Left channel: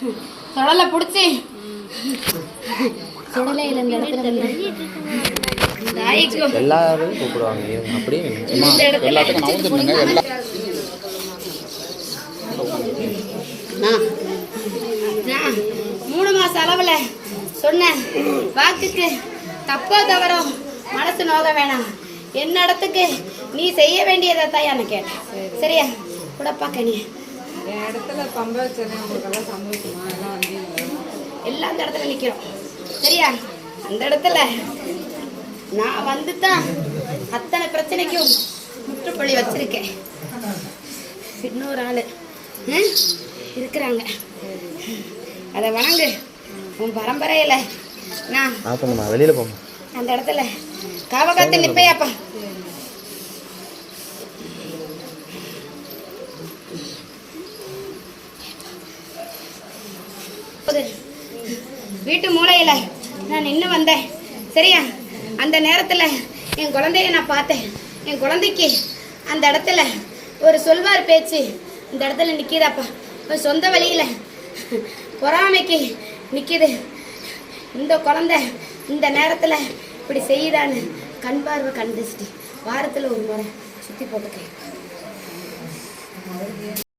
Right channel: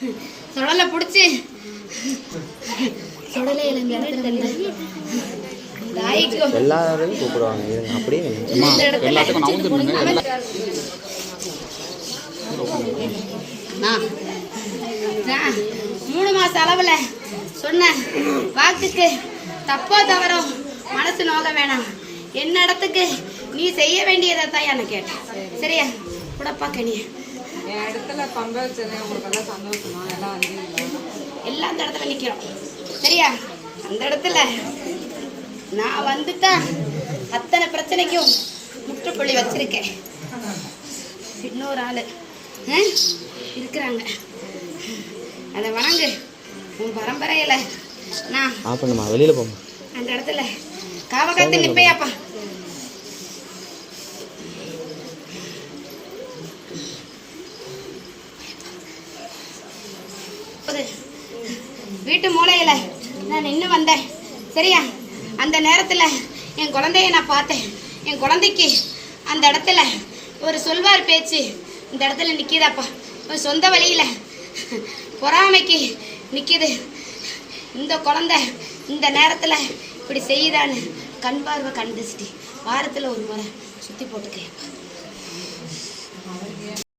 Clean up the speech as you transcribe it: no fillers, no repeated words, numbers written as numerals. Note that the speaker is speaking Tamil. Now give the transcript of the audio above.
சுடலை பிடிச்சி சுடலையில் இந்த இடத்துல எல்லாரையும் கூப்பிடுவாங்க. இருங்க அப்படியே நான் 3 மாசம் அளவுல சொன்ன வாக்குக்கு தப்பா தவறும் மனசு நோக வேணாம். என்ன இடத்துக்கு நீ செய்ய வேண்டியதை தான் எனக்கு கேட்டேன். சரியா கூடப்பா கனி இடத்துல பம்ப வச்சிருக்கேன். உங்களுக்கெல்லாம் சந்தோஷமா எல்லாம் வந்து எல்லாம் அந்த இடத்துல நிக்கிறோம். சரியா அந்த இடத்துல நான் வந்து தான் அத்தனை பிரச்சனைக்கும் முற்றுப்புள்ளி வச்சிருக்கேன். இன்னொரு ஆளு இருக்கிறாங்க. அதை வாங்கு. உன் பரம்பரையில நான் வெளியில போமா அந்த இடத்துல காவகாத்து நிப்பையாப்பா. வீட்டு மூலையில நான் நின்று வந்தேன். சரியா அந்த நேரத்துல என் குழந்தைய நான் பார்த்தேன். என் குழந்தைக்கு அந்த இடத்துல ஒரு சொல்வார் பேச்சு இந்த இடத்துல நிற்கிதாப்பா. ஒரு சொந்த வழியில பொறாமைக்கு நிற்கிது. இந்த குழந்தை இந்த நேரத்தில் இப்படி செய்யுதான்னு கண் பார்வை கண்டுச்சிட்டு வாரத்தில் ஒரு முறை சுற்றி போட்டுக்கேன்.